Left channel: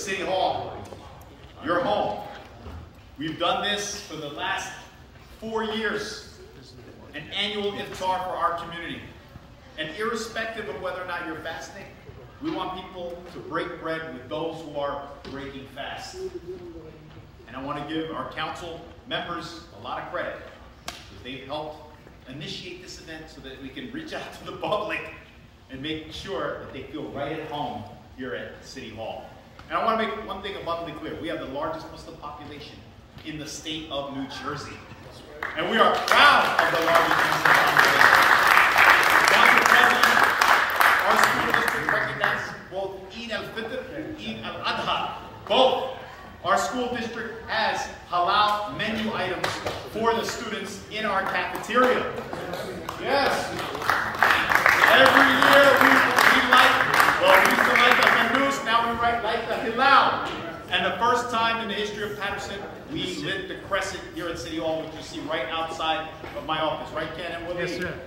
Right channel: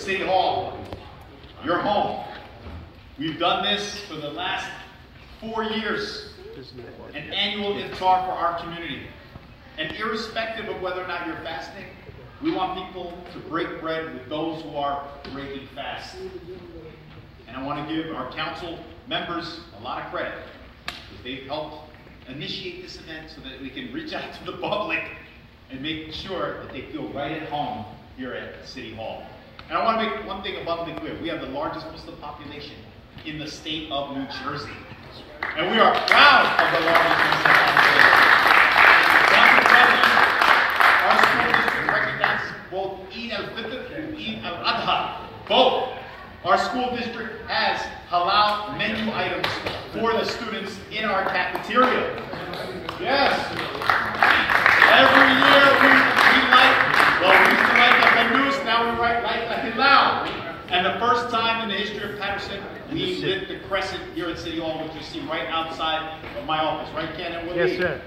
City Hall, your home. We've done this for the last 4 years, an annual iftar for our community. And irrespective of whether or not you're fasting, we want people to break bread with those who are breaking fast. And I want to give our council members a lot of credit, because they've helped initiate this event so that we can reach out to the public and make sure that they feel right at home here at City Hall. And I want to make one thing abundantly clear. We have the largest Muslim population in the state of New Jersey. And we are proud of the largest Muslim population. Council President, our school district recognizes both Eid al-Fitr and Eid al-Adha. Both. Our school district has halal menu items for the students in our cafeteria. Yes. Every year we like, well, we used to like the Hanus, now we like the Hilal. And the first time in the history of Paterson, we lit the crescent here at City Hall, which you see right outside of my office. Right, Ken and Willie? Yes, sir.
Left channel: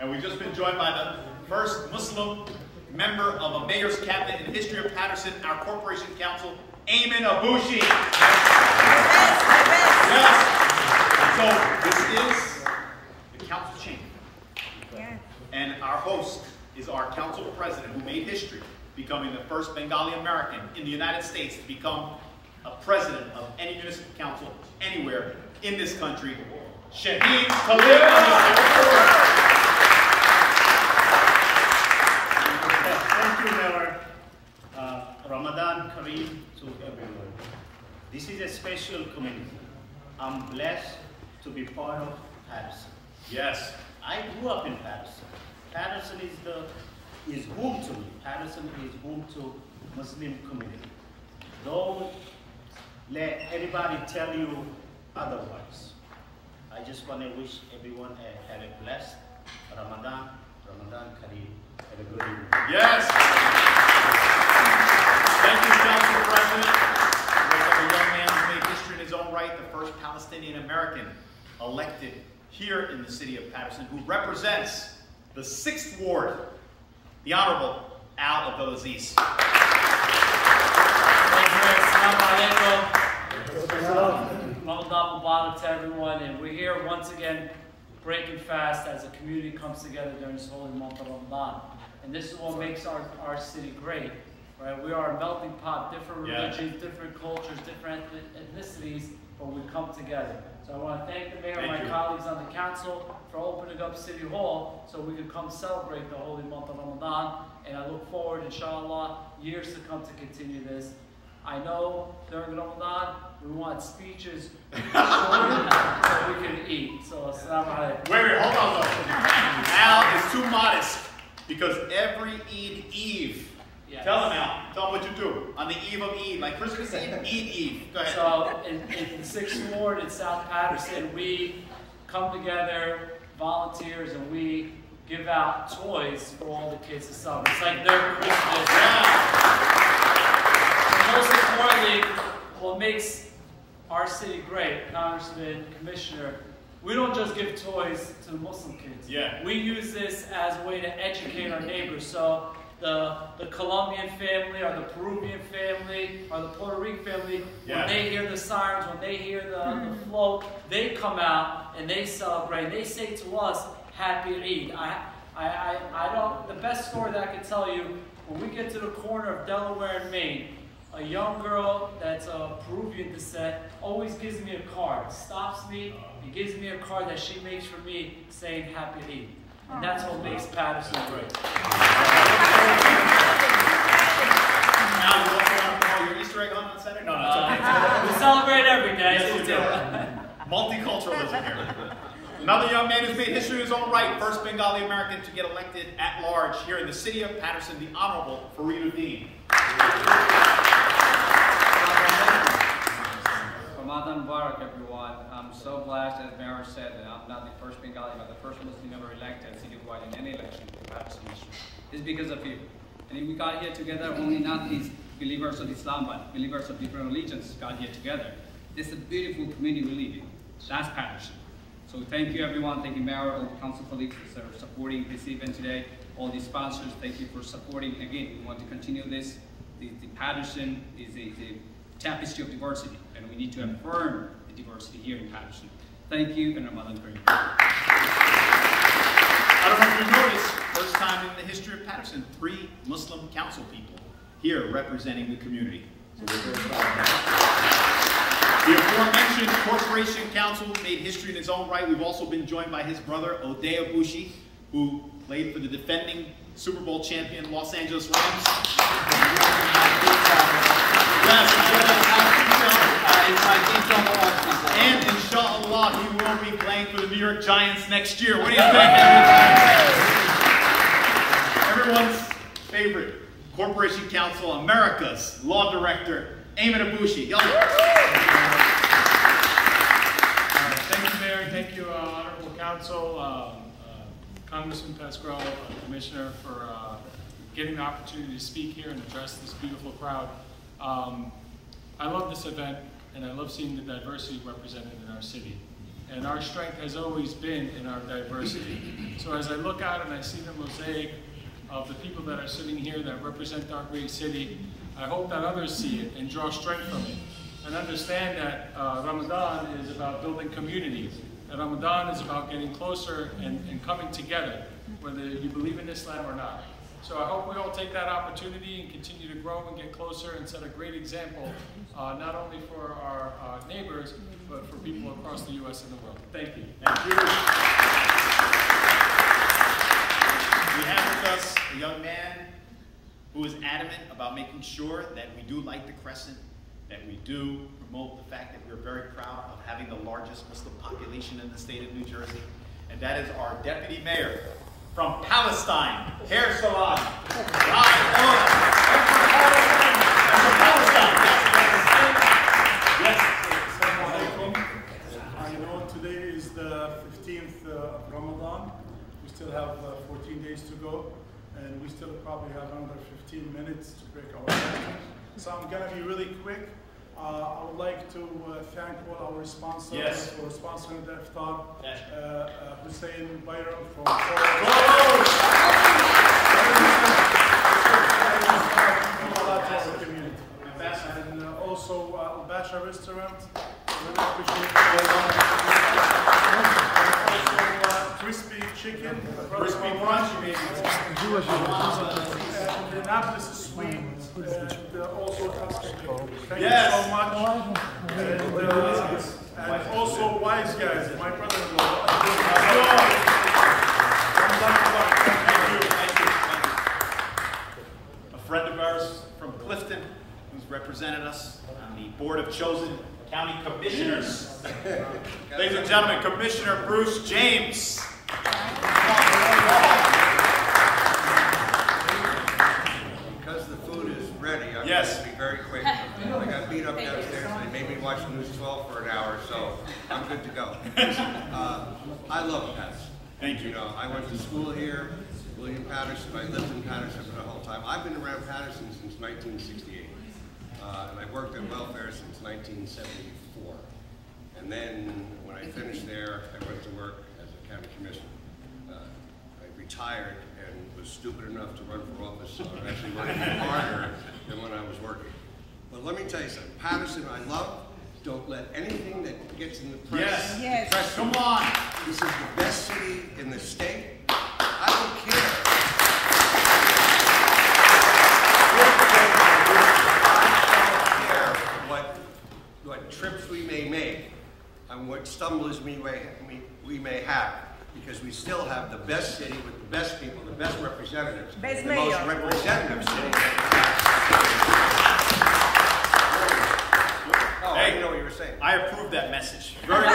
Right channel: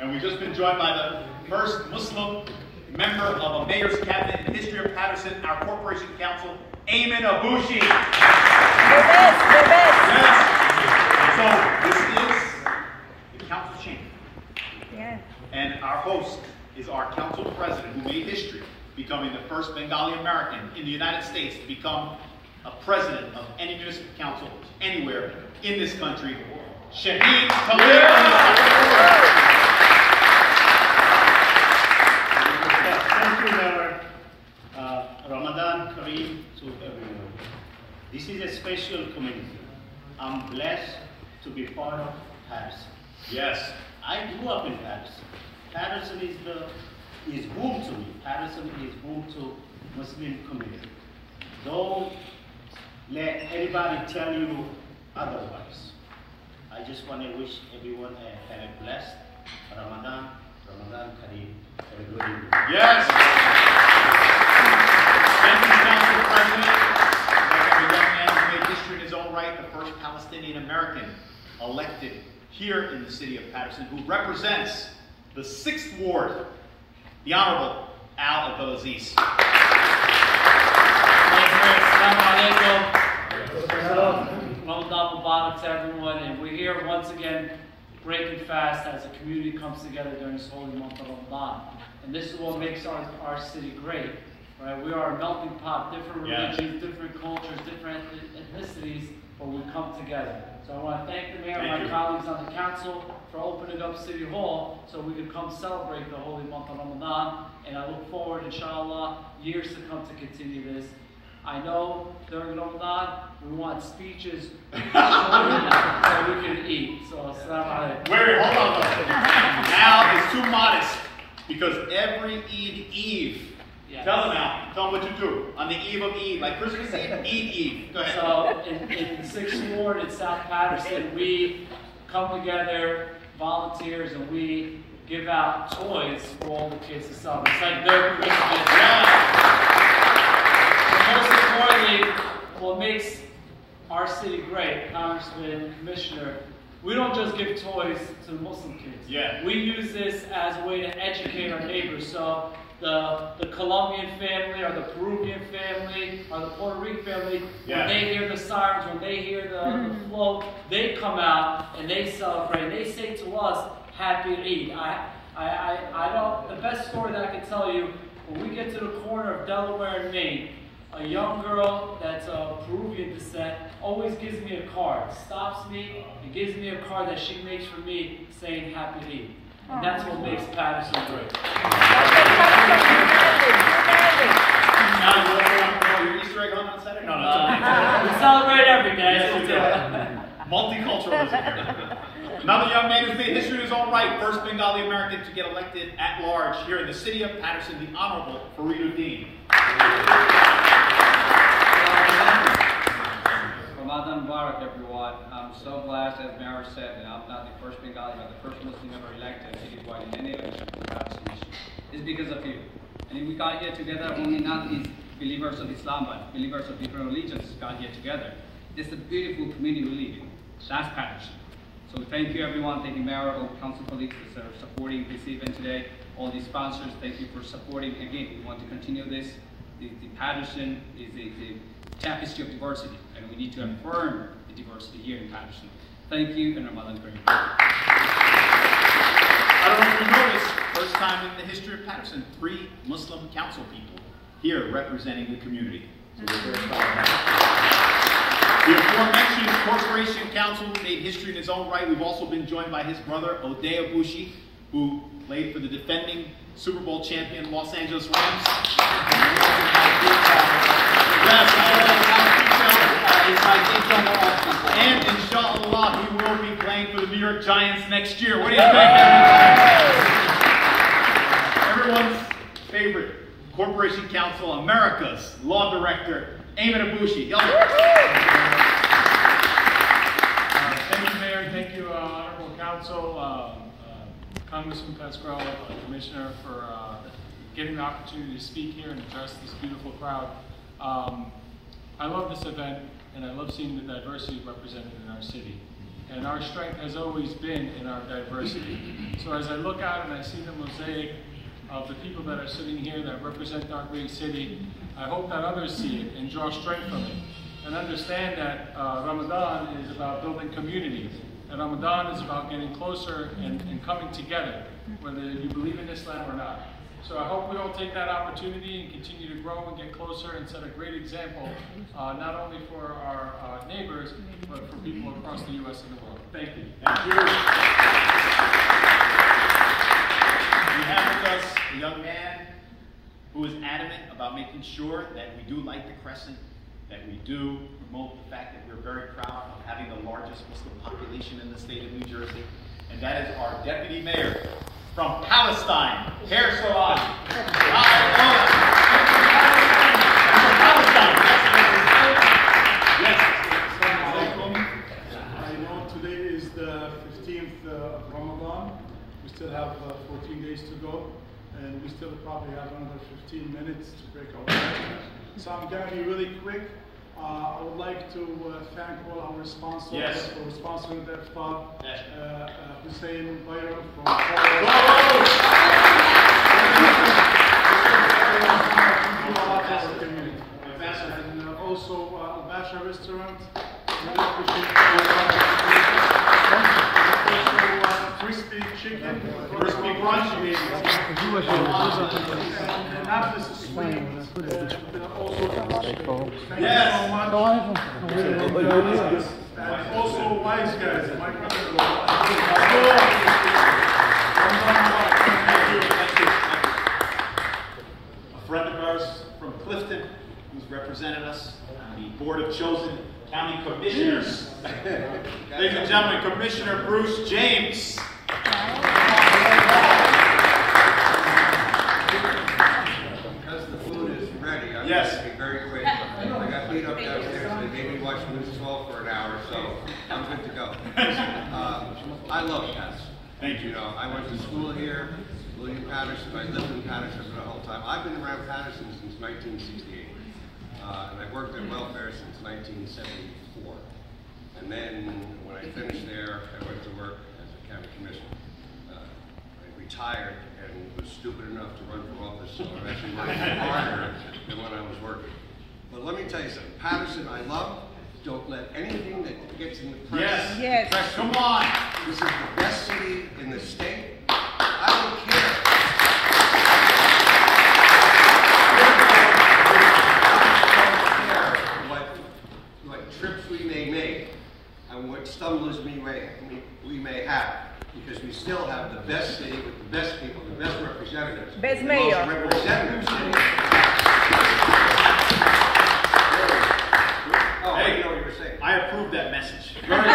And we've just been joined by the first Muslim member of a mayor's cabinet in the history of Paterson, our corporation council, Ayman Abushi. Yes. So this is the council chamber. Yes. And our host is our council president, who made history, becoming the first Bengali American in the United States to become a president of any municipal council anywhere in this country, Shahid Khalid. Thank you, Mayor. Ramadan Kareem to everyone. This is a special community. I'm blessed to be part of Paterson. Yes. I grew up in Paterson. Paterson is home to me. Paterson is home to Muslim community. Don't let anybody tell you otherwise. I just want to wish everyone a blessed Ramadan Kareem. Have a good evening. Yes. Thank you, Council President. Look at a young man who made history in his own right, the first Palestinian American elected here in the city of Paterson, who represents the 6th Ward, the Honorable Al Abdulaziz. Thank you. Assalamu alaikum. Ramadan Mubarak to everyone, and we're here once again breaking fast as a community comes together during this holy month of Ramadan. And this is what makes our city great, right? We are a melting pot, different religions, different cultures, different ethnicities, but we come together. So I want to thank the mayor and my colleagues on the council for opening up City Hall so we could come celebrate the holy month of Ramadan. And I look forward, inshallah, years to come to continue this. I know during Ramadan, we want speeches so we can eat. So, assalamu alaikum. Wait, hold on, though. Al is too modest, because every Eid Eve, tell him, Al, tell him what you do on the eve of Eid, like Christmas Eve, Eid Eve. Go ahead. So, in the 6th Ward in South Paterson, we come together, volunteers, and we give out toys for all the kids to celebrate. It's like their Christmas. Yeah. But most importantly, what makes our city great, Congressman, Commissioner, we don't just give toys to the Muslim kids. Yeah. We use this as a way to educate our neighbors. So the Colombian family, or the Peruvian family, or the Puerto Rican family, when they hear the sirens, when they hear the float, they come out and they celebrate. And they say to us, Happy Eid. I don't. The best story that I can tell you, when we get to the corner of Delaware and Maine, a young girl that's of Peruvian descent always gives me a card, stops me, and gives me a card that she makes for me saying Happy Eid. And that's what makes Paterson great. Now, you want to promote your Easter egg hunt on Saturday? No, no, we celebrate every day. Yes, multiculturalism here. Another young man who's made history in his own right, first Bengali American to get elected at large here in the city of Paterson, the Honorable Fariduddin. Ramadan Mubarak, everyone. I'm so blessed, as Mayor said, that I'm not the first Bengali, but the first Muslim ever elected citywide in any election in Paterson history. It's because of you. And we got here together, only not these believers of Islam, but believers of different religions got here together. This is a beautiful community we live in. That's Paterson. So thank you, everyone. Thank you, Mayor, all council colleagues for supporting this event today. All the sponsors, thank you for supporting. Again, we want to continue this the Paterson is the tapestry of diversity, and we need to affirm the diversity here in Paterson. Thank you, and Ramadan Kareem. I don't know if you noticed, first time in the history of Paterson, 3 Muslim council people here representing the community. So we're very proud of that. The aforementioned Corporation Council made history in his own right. We've also been joined by his brother, Odea Bushi, who played for the defending Super Bowl champion Los Angeles Rams. And inshallah, he will be playing for the New York Giants next year. What do you think, everyone? Everyone's favorite Corporation Council, America's Law Director, Ayman Abushi. Thank you, Mayor. Thank you, Honorable Council, Congressman Pasquale, Commissioner, for getting the opportunity to speak here and address this beautiful crowd. I love this event, and I love seeing the diversity represented in our city. And our strength has always been in our diversity. So as I look out and I see the mosaic of the people that are sitting here that represent our great city, I hope that others see it and draw strength from it. And understand that Ramadan is about building communities. And Ramadan is about getting closer and coming together, whether you believe in Islam or not. So I hope we all take that opportunity and continue to grow and get closer and set a great example, not only for our neighbors, but for people across the U.S. and the world. Thank you. Thank you. We have with us a young man who is adamant about making sure that we do light the crescent, that we do promote the fact that we're very proud of having the largest Muslim population in the state of New Jersey, and that is our Deputy Mayor from Palestine, Hair Salon. Yes. I know today is the 15th of Ramadan. We still have 14 days to go, and we still probably have another 15 minutes to break our fast. So I'm going to be really quick. I would like to thank all our sponsors for sponsoring the iftar. Hüseyin Bayram'ın from community. And also Basha Restaurant. Really appreciate crispy chicken, crispy crunch, and the Naples is sweet, and also thank you so much. And also Wise Guys, my brother-in-law. Thank you. A friend of ours from Clifton, who's represented us on the Board of Chosen County Commissioners. Ladies and gentlemen, Commissioner Bruce James. Because the food is ready, I'm Yes. going to be very quick. I got beat up downstairs, they made me watch News 12 for an hour, so I'm good to go. I love Paterson. Thank you. You know, I went to school here, William Paterson. I lived in Paterson for the whole time. I've been around Paterson since 1968, and I've worked in welfare since 1974. And then when I finished there, I went to work as a county commissioner. I retired and was stupid enough to run for office, so I'm actually working harder than when I was working. But let me tell you something, Paterson I love. Don't let anything that gets in the press. Yes. Press, come on. This is the best city in the state. I don't care. I don't care what trips we may make and what stumbles we may have, because we still have the best city with the best people, the best representatives, Best the mayor. most representative city. Oh, I didn't know what you were saying. I approve that message. Very good.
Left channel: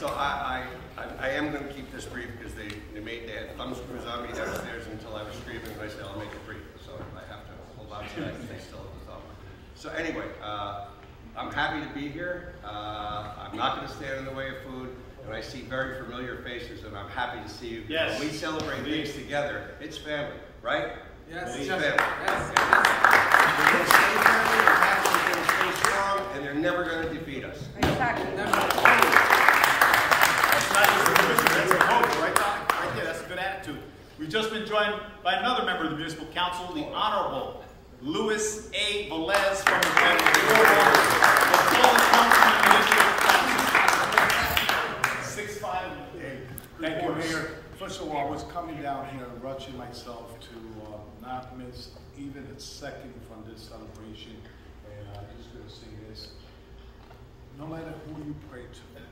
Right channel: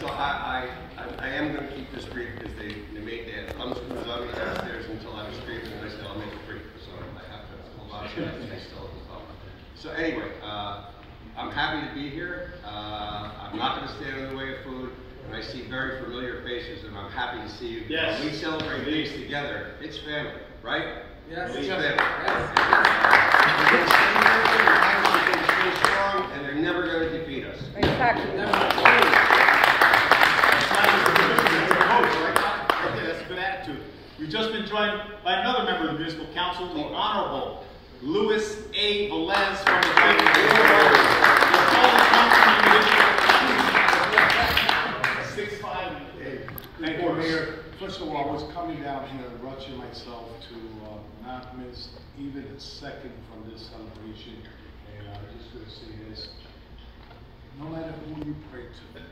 So I am going to keep this brief because they had thumb screws on me downstairs until I was screaming, and I said I'll make it brief. So I have to hold on to that because they still have the thumb. So anyway, I'm happy to be here. I'm not going to stand in the way of food, and I see very familiar faces, and I'm happy to see you. Yes. When we celebrate things together, it's family, right? Yes. It's Yes. family. We're going to stay here, the Paterson is going to stay strong, and they're never going to defeat us. Exactly. That's not just the commission, that's the coach, right? Right there, that's a good attitude. We just been joined by another member of the Municipal Council, the Honorable Louis A. Velez from the Thank you, Mayor. First of all, I was coming down here and rushing myself to not miss even a second from this celebration. And I'm just going to say this. No matter who you pray to,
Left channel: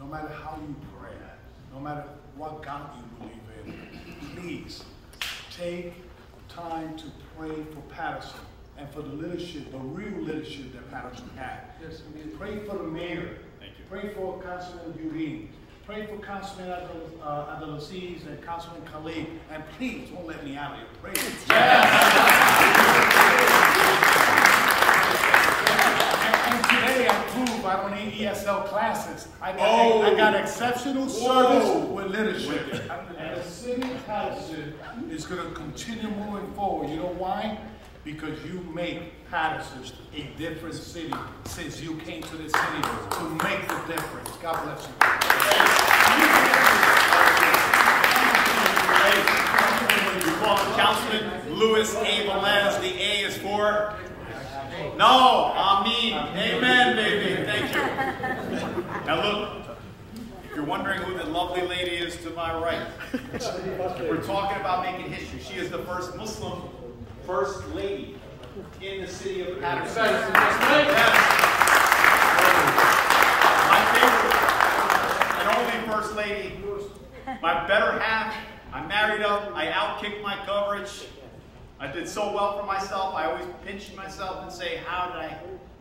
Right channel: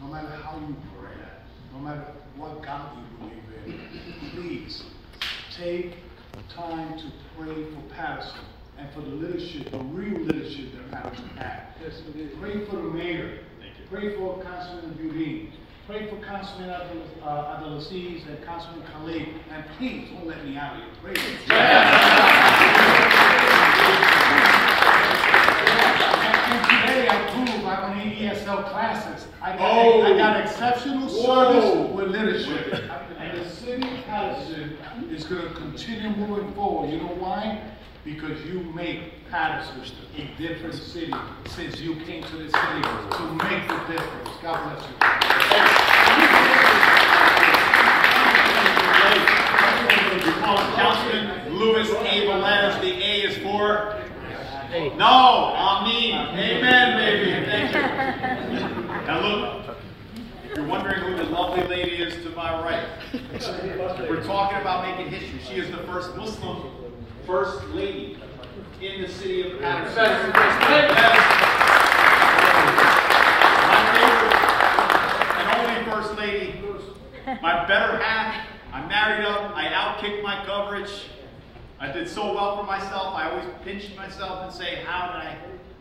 no matter how you pray, no matter what God you believe in, please take time to pray for Paterson and for the leadership, the real leadership that Paterson had. Yes, pray for the mayor. Thank you. Pray for Councilman Budin. Pray for Councilman Abdelaziz and Councilman Khalid. And please don't let me out of here. Pray for And today I prove I don't need ESL classes. I got exceptional service with leadership. And the city of Paterson is going to continue moving forward. You know why? Because you make Paterson a different city since you came to this city to make the difference. God bless you. We call him Councilman Louis A. Velez. The A is for? No, Amen. Amen, baby. Thank you. Now look, if you're wondering who the lovely lady is to my right, we're talking about making history. She is the first Muslim First Lady in the city of Paterson. Yes. My favorite and only First Lady, my better half. I married up, I outkicked my coverage. I did so well for myself, I always pinch myself and say, how did I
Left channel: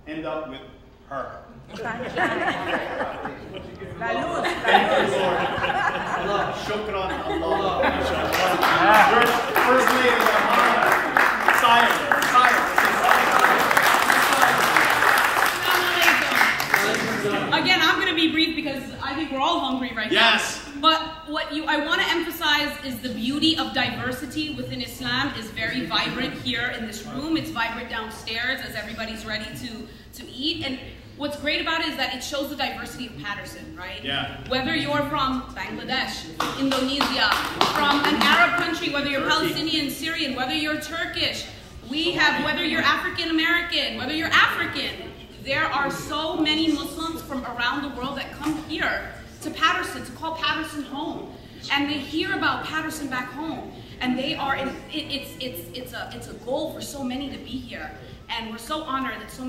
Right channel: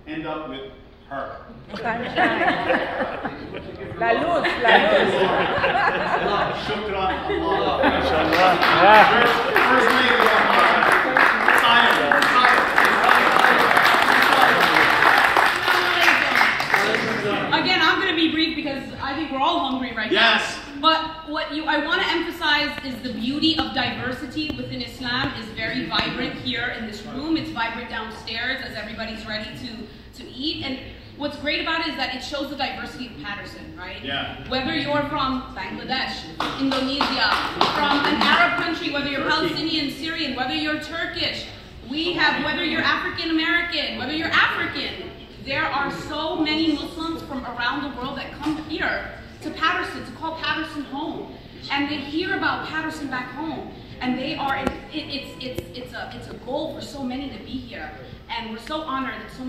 end up with her? Thank you, Lord. Shukran Allah. First Lady, silent. Again, I'm going to be brief because I think we're all hungry right now. Yes. But what I want to emphasize is the beauty of diversity within Islam is very vibrant here in this room. It's vibrant downstairs as everybody's ready to eat. And what's great about it is that it shows the diversity of Paterson, right? Yeah. Whether you're from Bangladesh, Indonesia, from an Arab country, whether you're Palestinian, Syrian, whether you're Turkish, whether you're African American, whether you're African, there are so many Muslims from around the world that come here to Paterson, to call Paterson home. And they hear about Paterson back home. And they are, it's a goal for so many to be here. And we're so honored that so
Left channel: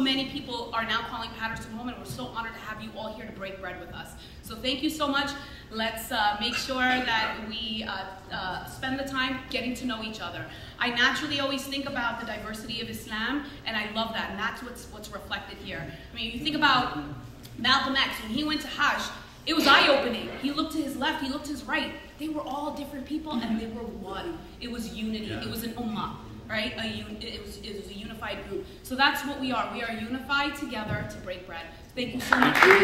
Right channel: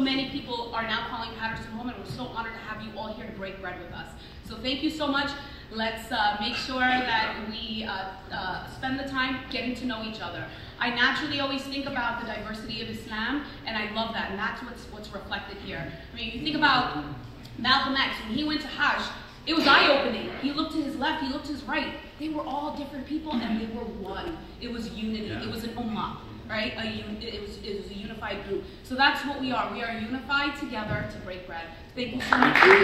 many people are now calling Paterson home, and we're so honored to have you all here to break bread with us. So thank you so much. Let's make sure that we spend the time getting to know each other. I naturally always think about the diversity of Islam, and I love that, and that's what's reflected here. I mean, if you think about Malcolm X, when he went to Hajj, it was eye-opening. He looked to his left, he looked to his right. They were all different people, and they were one. It was unity. It was an ummah, right? It was a unified group. So that's what we are. We are unified together to break bread. Thank you so much. And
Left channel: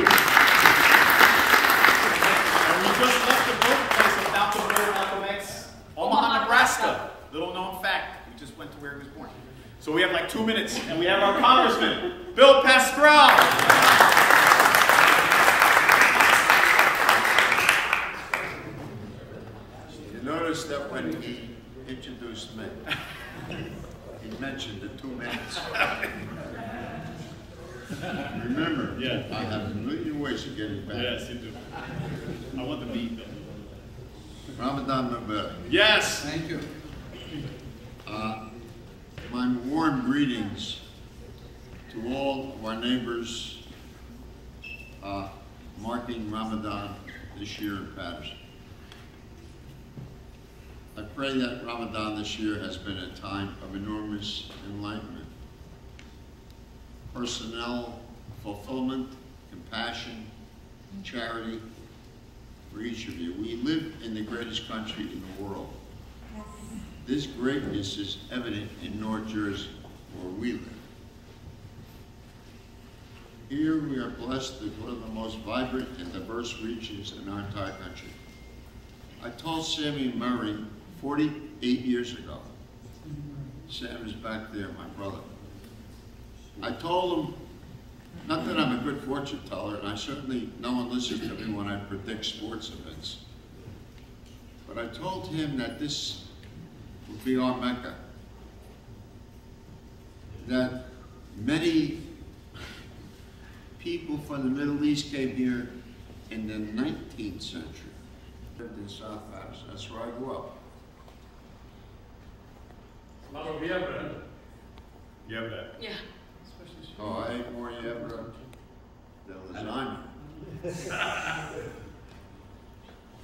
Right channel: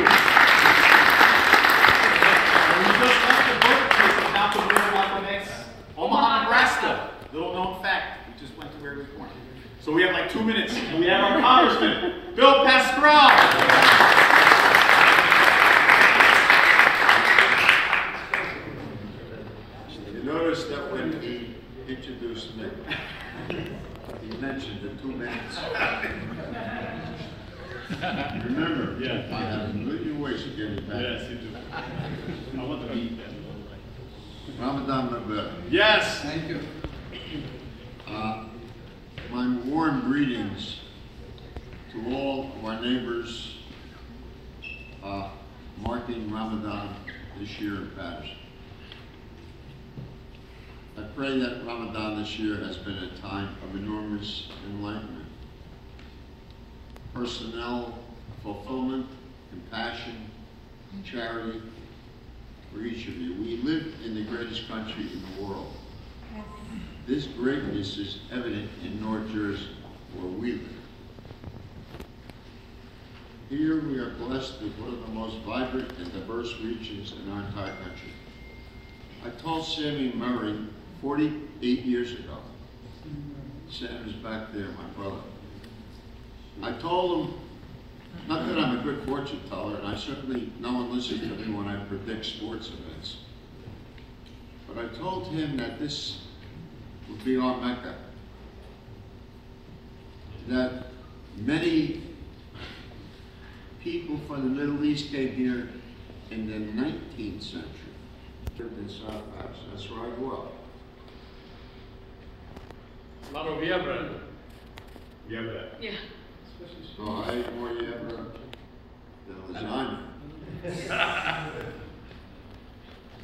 we just left the birthplace of Malcolm X, Omaha, Nebraska. Little known fact. We just went to where he was born. So we have like 2 minutes, and we have our Congressman, Bill Pascrell. You notice that when he introduced me, he mentioned the 2 minutes. Remember, I have a million ways to get it back. Yes, you do. I want the meat. Ramadan Mubarak. Yes. Thank you. My warm greetings to all of our neighbors marking Ramadan this year in Paterson. I pray that Ramadan this year has been a time of enormous enlightenment, personnel fulfillment, compassion, charity for each of you. We live in the greatest country in the world. This greatness is evident in North Jersey, where we live. Here we are blessed with one of the most vibrant and diverse regions in our entire country. I told Sammy Murray 48 years ago, Sam is back there, my brother. I told him, not that I'm a good fortune teller, and I certainly, no one listens to me when I predict sports events. But I told him that this would be our Mecca. That many people from the Middle East came here in the 19th century. Lived in South Paterson. That's where I grew up. Yeah. Oh, I ate more yebra than lasagna.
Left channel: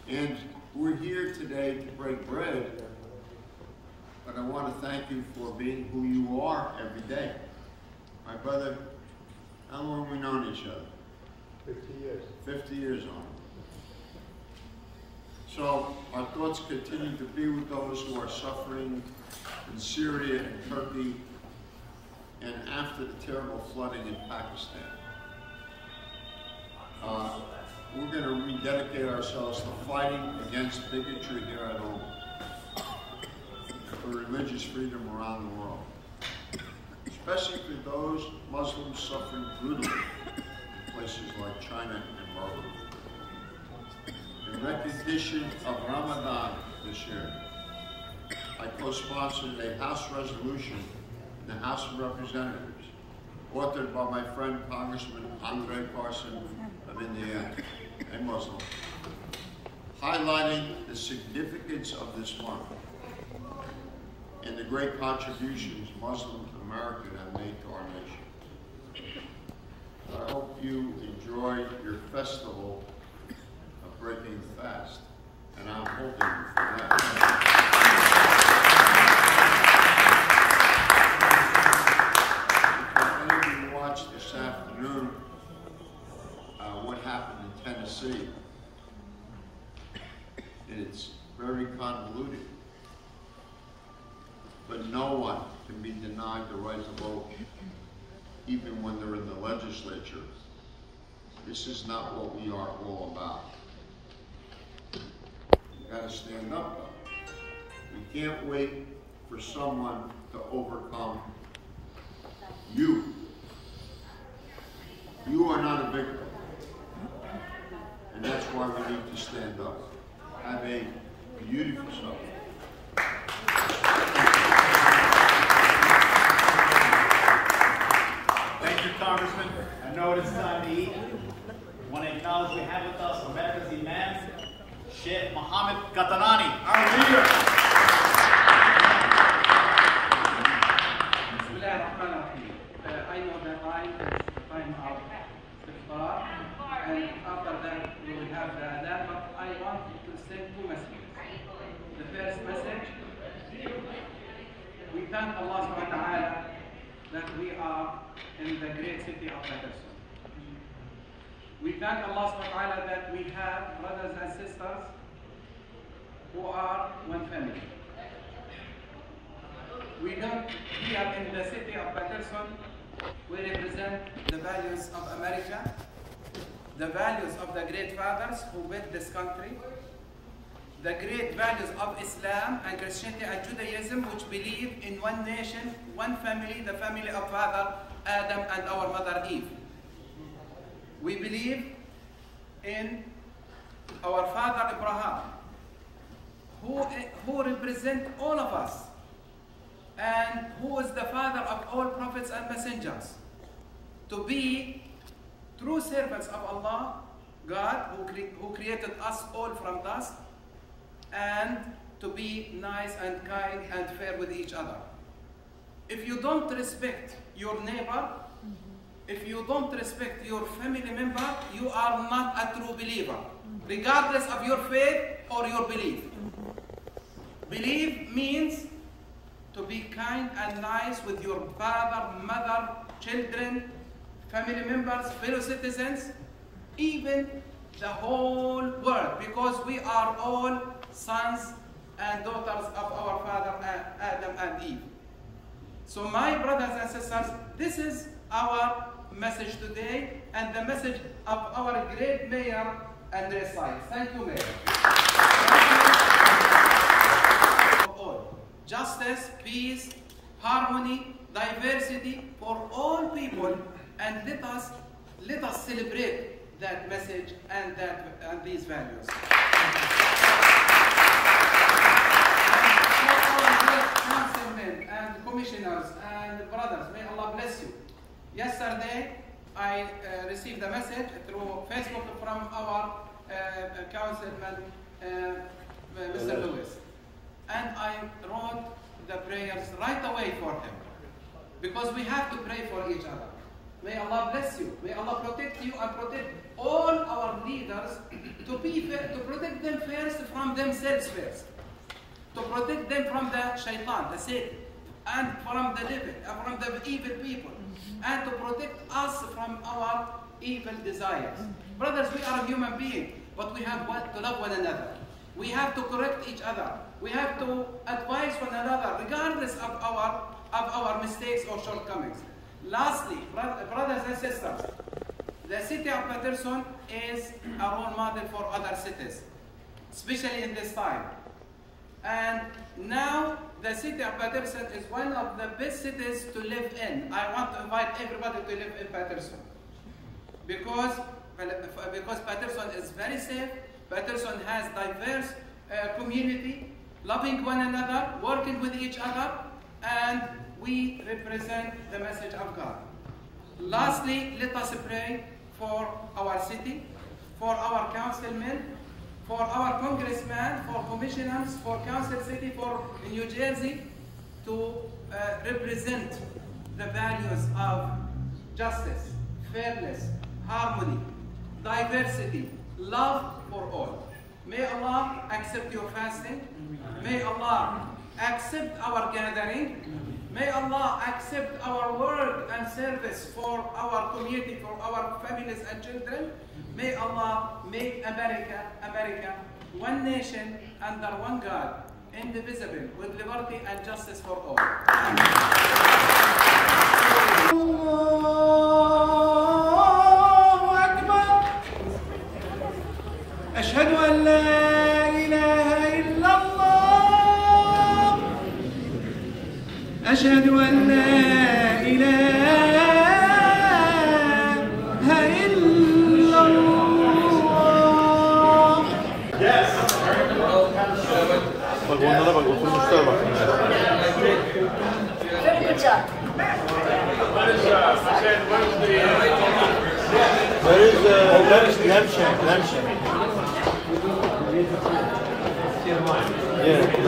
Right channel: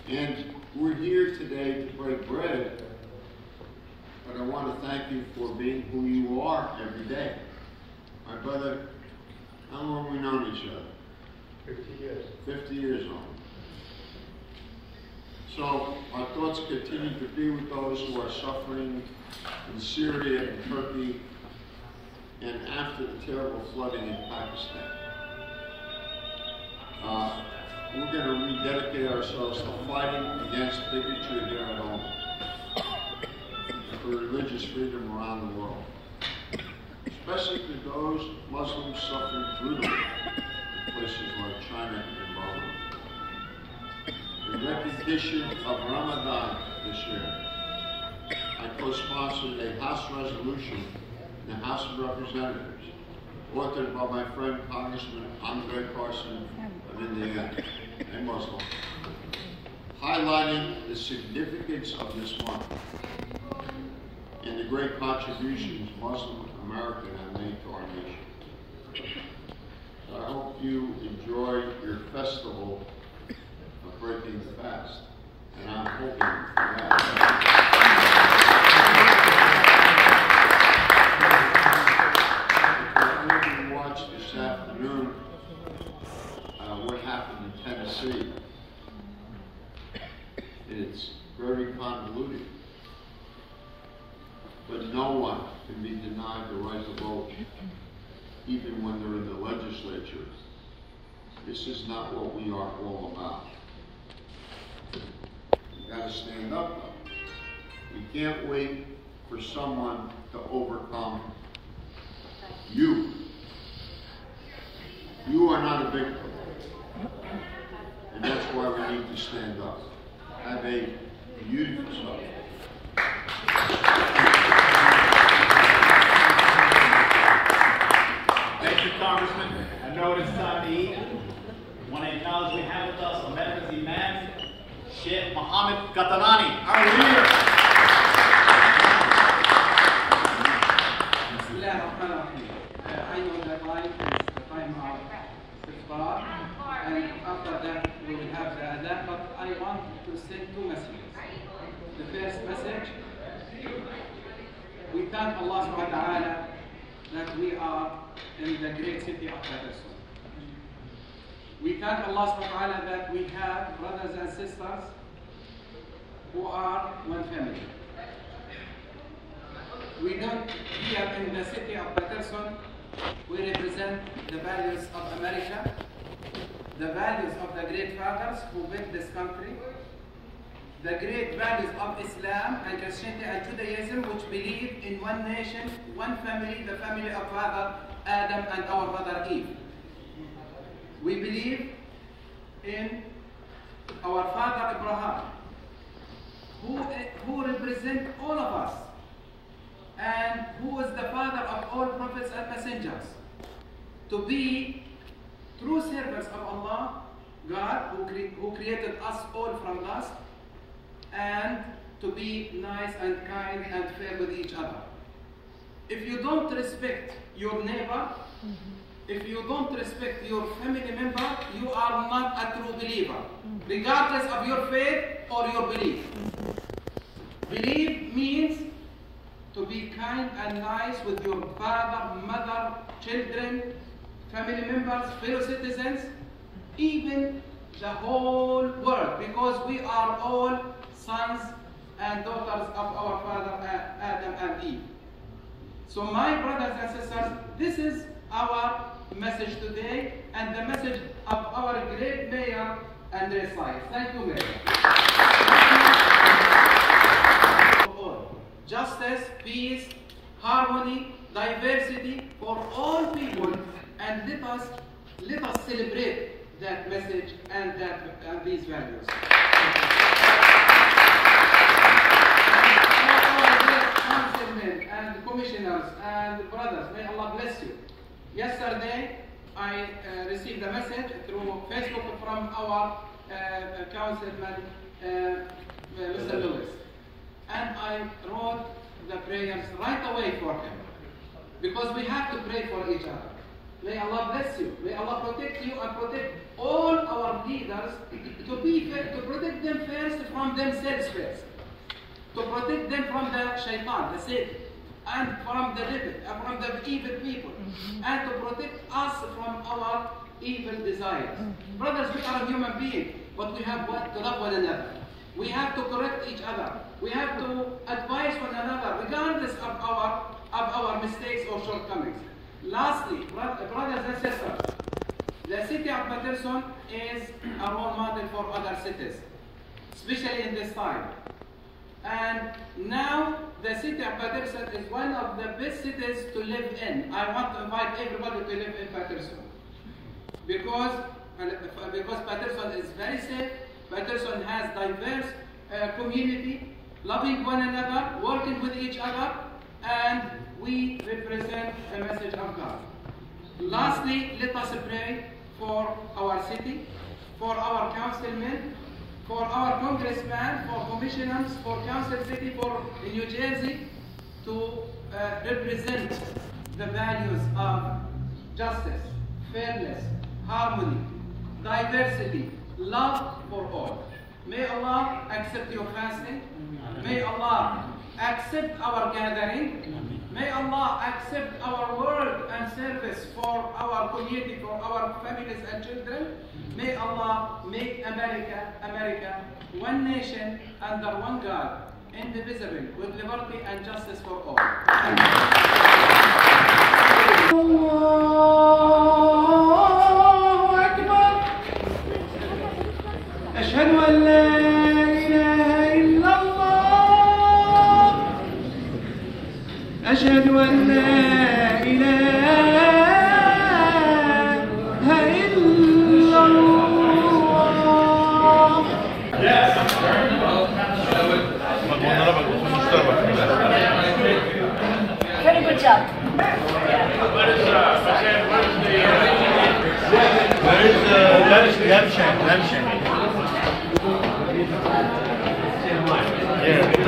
And we're here today to break bread, but I want to thank you for being who you are every day. My brother, how long have we known each other? 50 years. 50 years on. So our thoughts continue to be with those who are suffering in Syria and Turkey and after the terrible flooding in Pakistan. We're going to rededicate ourselves to fighting against bigotry here at home, for religious freedom around the world, especially for those Muslims suffering brutally in places like China and Burma. In recognition of Ramadan this year, I co-sponsored a House resolution in the House of Representatives, authored by my friend Congressman Andre Carson of Indiana, a Muslim, highlighting the significance of this month and the great contributions Muslim Americans have made to our nation. So I hope you enjoy your festival of breaking the fast, and I'm hoping for that. If any of you watched this afternoon what happened in Tennessee, it's very convoluted. But no one can be denied the right to vote, even when they're in the legislature. This is not what we are all about. You gotta stand up though. You can't wait for someone to overcome you. You are not a victim. And that's why we need to stand up. Have a beautiful Sunday. Thank you, Congressman. I know it is time to eat. I want to acknowledge we have with us America's Imam, Sheikh Mohammed Qatanani, our leader. I know that time is the time of iftar, and after that we will have the adhan, but I want to send two messages. The first message, we thank Allah subhanahu wa ta'ala that we are in the great city of Paterson. We thank Allah subhanahu wa ta'ala that we have brothers and sisters who are one family. We don't, here in the city of Paterson, we represent the values of America, the values of the great fathers who built this country, the great values of Islam and Christianity and Judaism, which believe in one nation, one family, the family of Father Adam and our mother Eve. We believe in our father Abraham, who represent all of us, and who is the father of all prophets and messengers, to be true servants of Allah, God, who created us all from dust, and to be nice and kind and fair with each other. If you don't respect your neighbor, if you don't respect your family member, you are not a true believer, regardless of your faith or your belief. Belief means to be kind and nice with your father, mother, children, family members, fellow citizens, even the whole world, because we are all sons and daughters of our father Adam and Eve. So my brothers and sisters, this is our message today, and the message of our great mayor, Andre Sai. Thank you, Mayor. Thank you. All. Justice, peace, harmony, diversity for all people, and let us celebrate that message and these values. councilmen and commissioners and brothers, may Allah bless you. Yesterday, I received a message through Facebook from our councilman, Mr. Lewis. And I wrote the prayers right away for him. Because we have to pray for each other. May Allah bless you. May Allah protect you and protect all our leaders to protect them first from themselves first. To protect them from the shaitan, the Satan, and from the devil, from the evil people, and to protect us from our evil desires. Brothers, we are human beings, but we have to love one another. We have to correct each other. We have to advise one another, regardless of our mistakes or shortcomings. Lastly, brothers and sisters, the city of Paterson is a role model for other cities, especially in this time. And now the city of Paterson is one of the best cities to live in. I want to invite everybody to live in Paterson because Paterson is very safe. Paterson has diverse community, loving one another, working with each other, and we represent the message of God. Lastly, let us pray for our city, for our councilmen, for our congressmen, for commissioners, for council city, for New Jersey, to represent the values of justice, fairness, harmony, diversity, love for all. May Allah accept your fasting. May Allah accept our gathering. May Allah accept our work and service for our community, for our families and children. May Allah make America one nation under one God, indivisible, with liberty and justice for all. Allahu Akbar. Ashhadu an la ilaha illallah. Ashhadu an la ilaha Very good job. Where is